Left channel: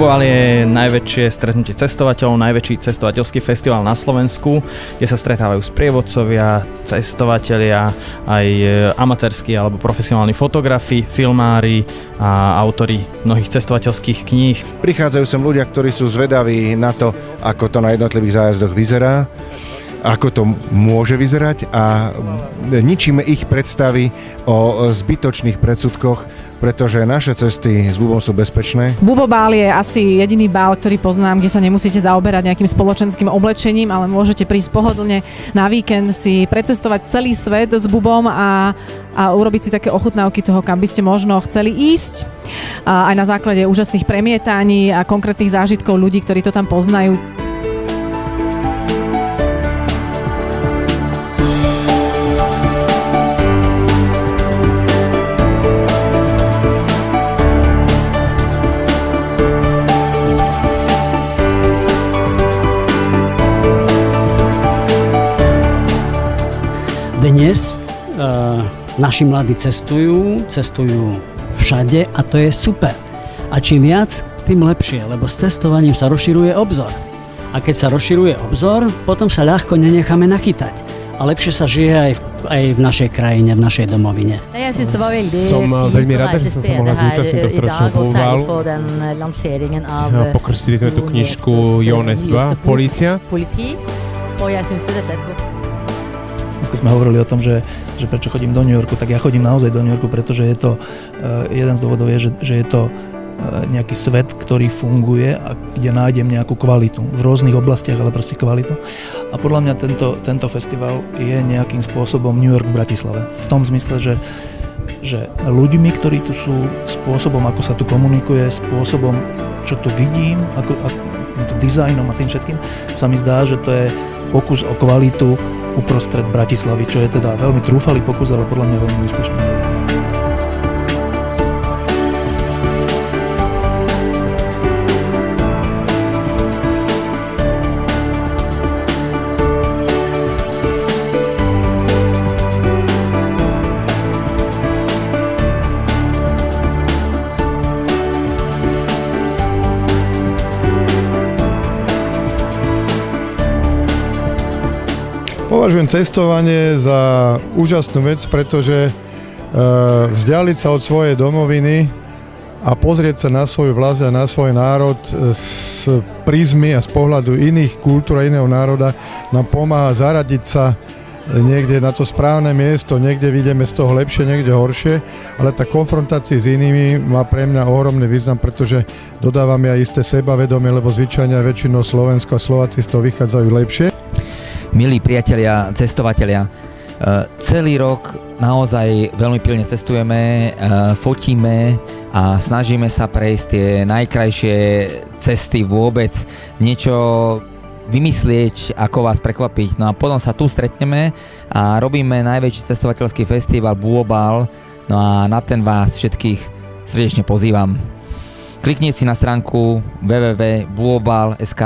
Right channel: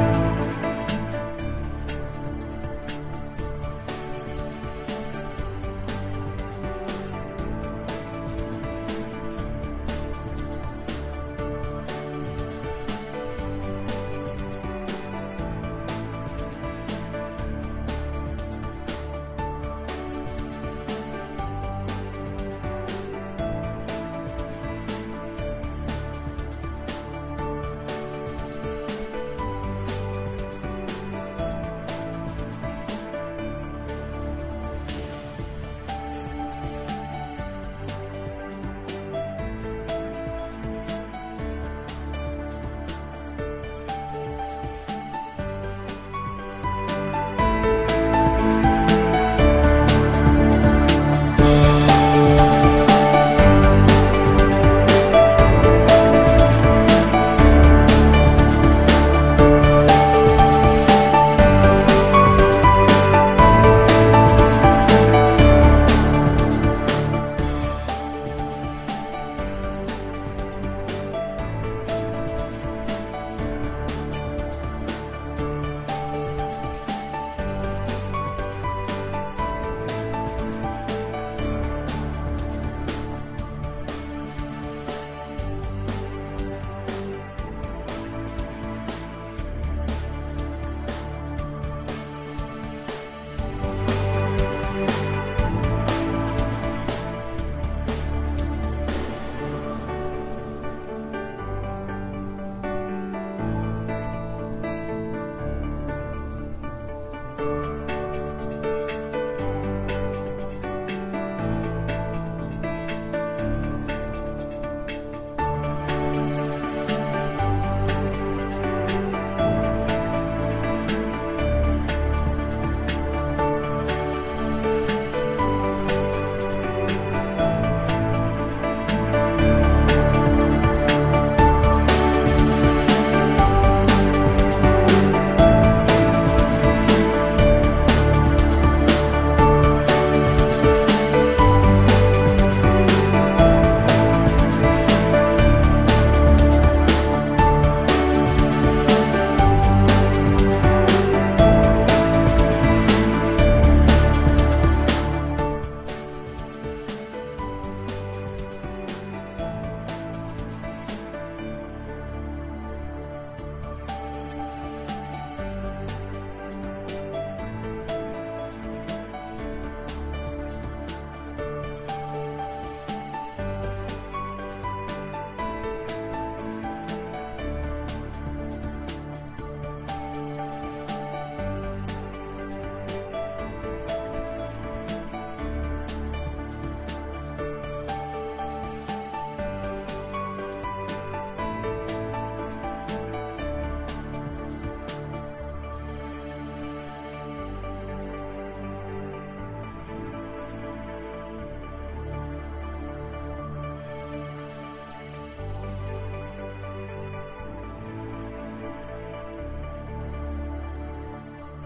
Bubobal je najväčšie stretnutie cestovateľov, najväčší cestovateľský festival na Slovensku, kde sa stretávajú sprievodcovia, cestovatelia, aj amatérski alebo profesionálni fotografi, filmári a autori mnohých cestovateľských kníh. Prichádzajú sem ľudia, ktorí sú zvedaví na to, ako to na jednotlivých zájazdoch vyzerá, ako to môže vyzerať a ničíme ich predstavy o zbytočných predsudkoch, pretože naše cesty s Bubom sú bezpečné. Bubobal je asi jediný bál, ktorý poznám, kde sa nemusíte zaoberať nejakým spoločenským oblečením, ale môžete prísť pohodlne na víkend si precestovať celý svet s Bubom a urobiť si také ochutnávky toho, kam by ste možno chceli ísť. Aj na základe úžasných premietaní a konkrétnych zážitkov ľudí, ktorí to tam poznajú. Dnes naši mladí cestujú všade a to je super. A čím viac, tým lepšie, lebo s cestovaním sa rozširuje obzor. A keď sa rozširuje obzor, potom sa ľahko nenecháme nachytať. A lepšie sa žije aj v našej krajine, v našej domovine. Som veľmi rada, že som sa mohla zúčastniť tohto ročného Bubobalu. Pokrstili sme tú knižku Jones 2, Polícia. Dneska sme hovorili o tom, že prečo chodím do New Yorku, tak ja chodím naozaj do New Yorku, pretože je to, jeden z dôvodov je, že je to nejaký svet, ktorý funguje a kde nájdem nejakú kvalitu v rôznych oblastiach, ale proste kvalitu. A podľa mňa tento festival je nejakým spôsobom New York v Bratislave. V tom zmysle, že ľuďmi, ktorí tu sú, spôsobom, ako sa tu komunikuje, spôsobom, čo tu vidím, ako týmto dizajnom a tým všetkým, sa mi zdá, že to je pokus o kvalitu uprostred Bratislavy, čo je teda veľmi trúfalý pokus, ale podľa mňa veľmi úspešný. Považujem cestovanie za úžasnú vec, pretože vzdialiť sa od svojej domoviny a pozrieť sa na svoju vlast a na svoj národ z prízmy a z pohľadu iných kultúr a iného národa nám pomáha zaradiť sa niekde na to správne miesto, niekde vidíme z toho lepšie, niekde horšie, ale tá konfrontácia s inými má pre mňa ohromný význam, pretože dodávame aj isté sebavedomie, lebo zvyčajne väčšinou Slovensko a Slováci z toho vychádzajú lepšie. Milí priatelia, cestovatelia, celý rok naozaj veľmi pilne cestujeme, fotíme a snažíme sa prejsť tie najkrajšie cesty vôbec, niečo vymyslieť, ako vás prekvapiť. No a potom sa tu stretneme a robíme najväčší cestovateľský festival Bubobal, no a na ten vás všetkých srdečne pozývam. Kliknite si na stránku www.bubobal.sk,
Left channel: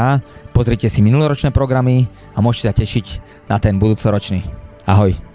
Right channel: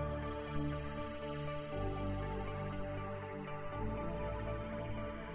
pozrite si minuloročné programy a môžete sa tešiť na ten budúcoročný. Ahoj!